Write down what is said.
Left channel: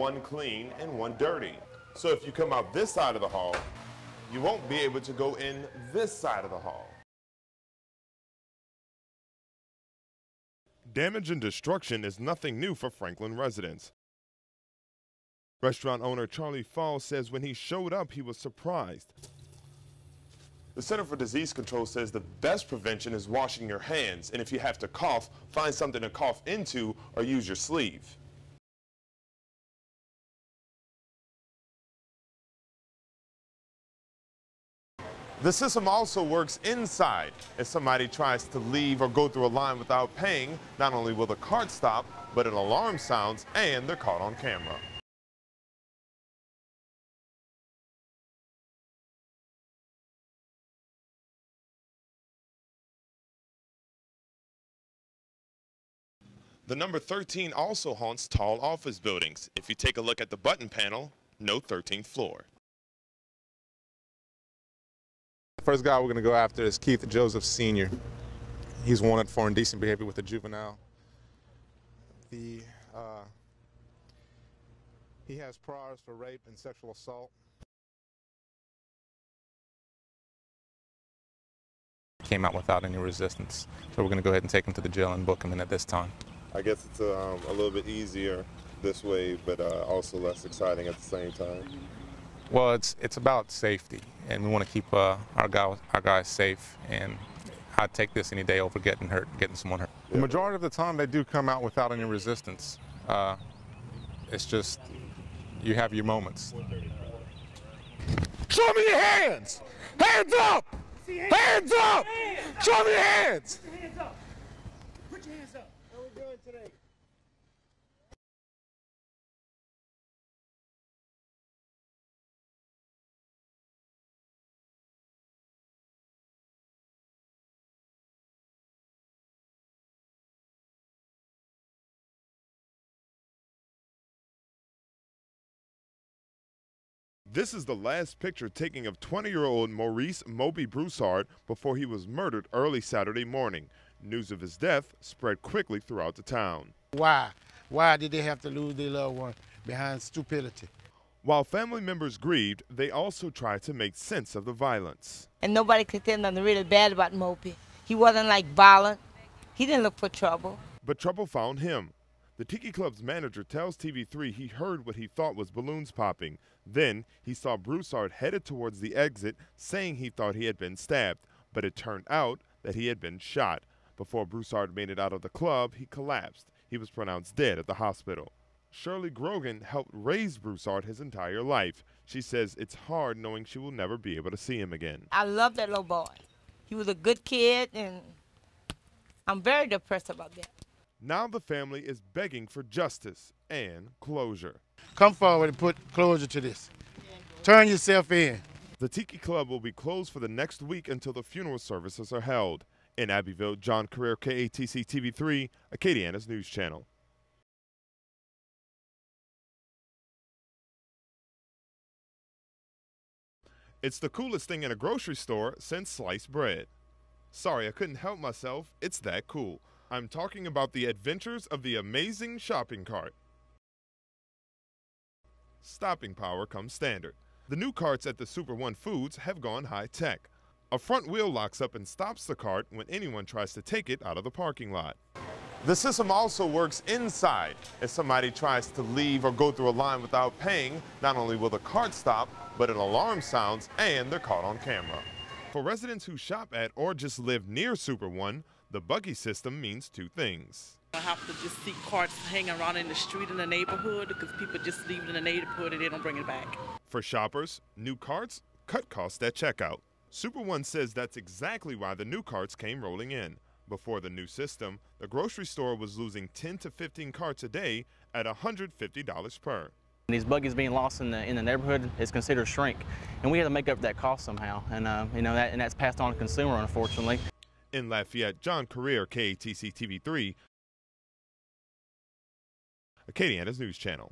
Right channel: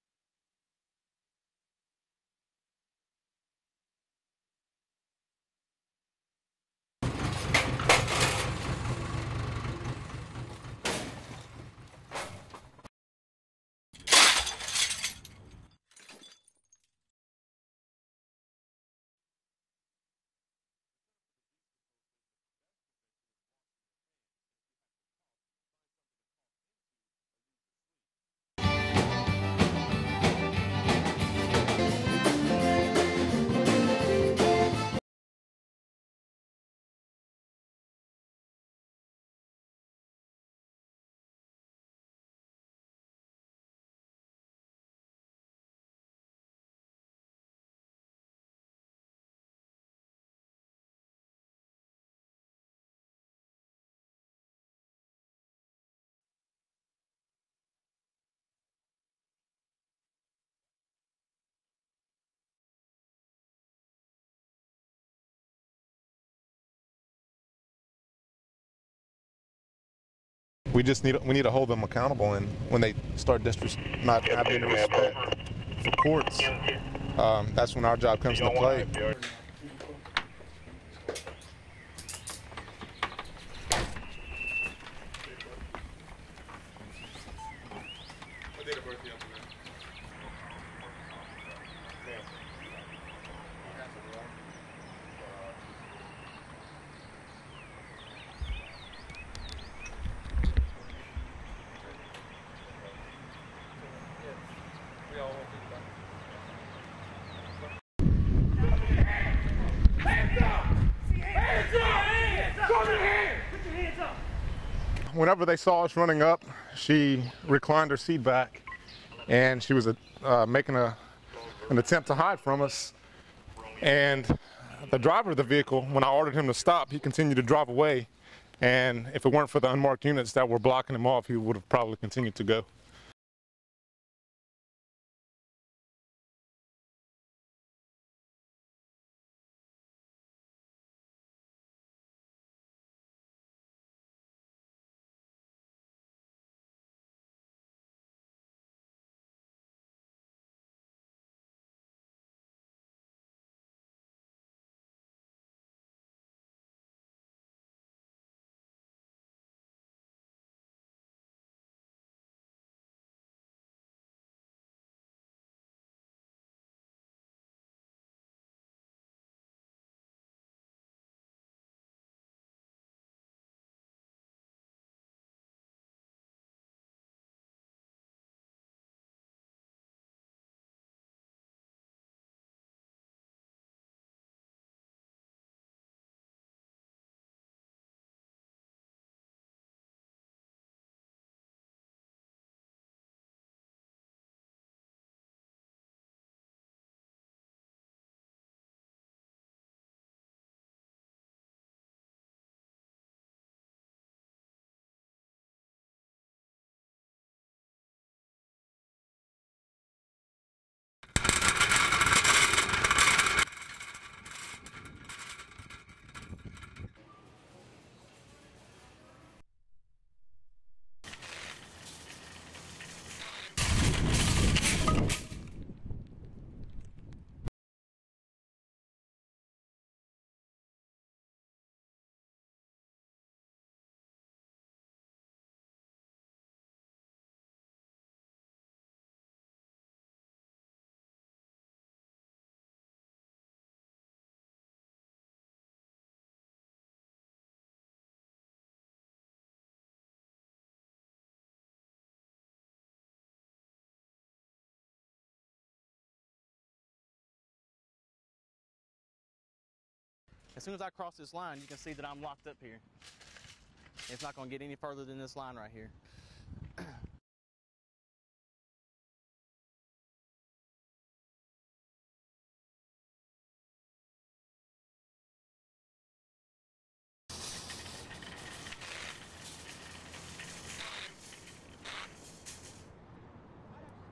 one clean and one dirty. So if you come out this side of the hall, you won't be able to go in this side of the hall. Damage and destruction is nothing new for Franklin residents. Restaurant owner Charlie Falls says when he showed up, he was surprised. The Center for Disease Control says the best prevention is washing your hands, and if you have to cough, find something to cough into or use your sleeve. The system also works inside. If somebody tries to leave or go through a line without paying, not only will the cart stop, but an alarm sounds and they're caught on camera. The number 13 also haunts tall office buildings. If you take a look at the button panel, no 13th floor. The first guy we're going to go after is Keith Joseph Sr. He's wanted for indecent behavior with a juvenile. We need to hold them accountable, and when they start not having any respect for courts, that's when our job comes into play. Came out without any resistance, so we're going to go ahead and take him to the jail and book him in at this time. I guess it's a little bit easier this way, but also less exciting at the same time. Well, it's about safety, and we want to keep our guys safe, and I'd take this any day over getting someone hurt. The majority of the time, they do come out without any resistance. It's just, you have your moments. Show me your hands! Hands up! Hands up! Show me your hands! Whenever they saw us running up, she reclined her seat back, and she was making an attempt to hide from us. And the driver of the vehicle, when I ordered him to stop, he continued to drive away. And if it weren't for the unmarked units that were blocking him off, he would have probably continued to go. This is the last picture taken of 20-year-old Maurice Moby Broussard before he was murdered early Saturday morning. News of his death spread quickly throughout the town. Why? Why did they have to lose their loved one behind stupidity? While family members grieved, they also tried to make sense of the violence. And nobody could say nothing really bad about Moby. He wasn't like violent. He didn't look for trouble. But trouble found him. The Tiki Club's manager tells TV3 he heard what he thought was balloons popping. Then he saw Broussard headed towards the exit, saying he thought he had been stabbed, but it turned out that he had been shot. Before Broussard made it out of the club, he collapsed. He was pronounced dead at the hospital. Shirley Grogan helped raise Broussard his entire life. She says it's hard knowing she will never be able to see him again. I love that little boy. He was a good kid, and I'm very depressed about that. Now the family is begging for justice and closure. Come forward and put closure to this. Turn yourself in. The Tiki Club will be closed for the next week until the funeral services are held. In Abbeville, Jon Carrere, KATC TV3, Acadiana's news channel. It's the coolest thing in a grocery store since sliced bread. Sorry, I couldn't help myself. It's that cool. I'm talking about the adventures of the amazing shopping cart. Stopping power comes standard. The new carts at the Super One Foods have gone high-tech. A front wheel locks up and stops the cart when anyone tries to take it out of the parking lot. The system also works inside. If somebody tries to leave or go through a line without paying, not only will the cart stop, but an alarm sounds and they're caught on camera. For residents who shop at or just live near Super One, the buggy system means two things. I have to just see carts hanging around in the street in the neighborhood because people just leave it in the neighborhood and they don't bring it back. For shoppers, new carts cut costs at checkout. Super One says that's exactly why the new carts came rolling in. Before the new system, the grocery store was losing 10 to 15 carts a day at $150 per. These buggies being lost in the neighborhood is considered shrink, and we had to make up that cost somehow, and that's passed on to the consumer, unfortunately. In Lafayette, Jon Carrere, KATC TV3, Acadiana's news channel.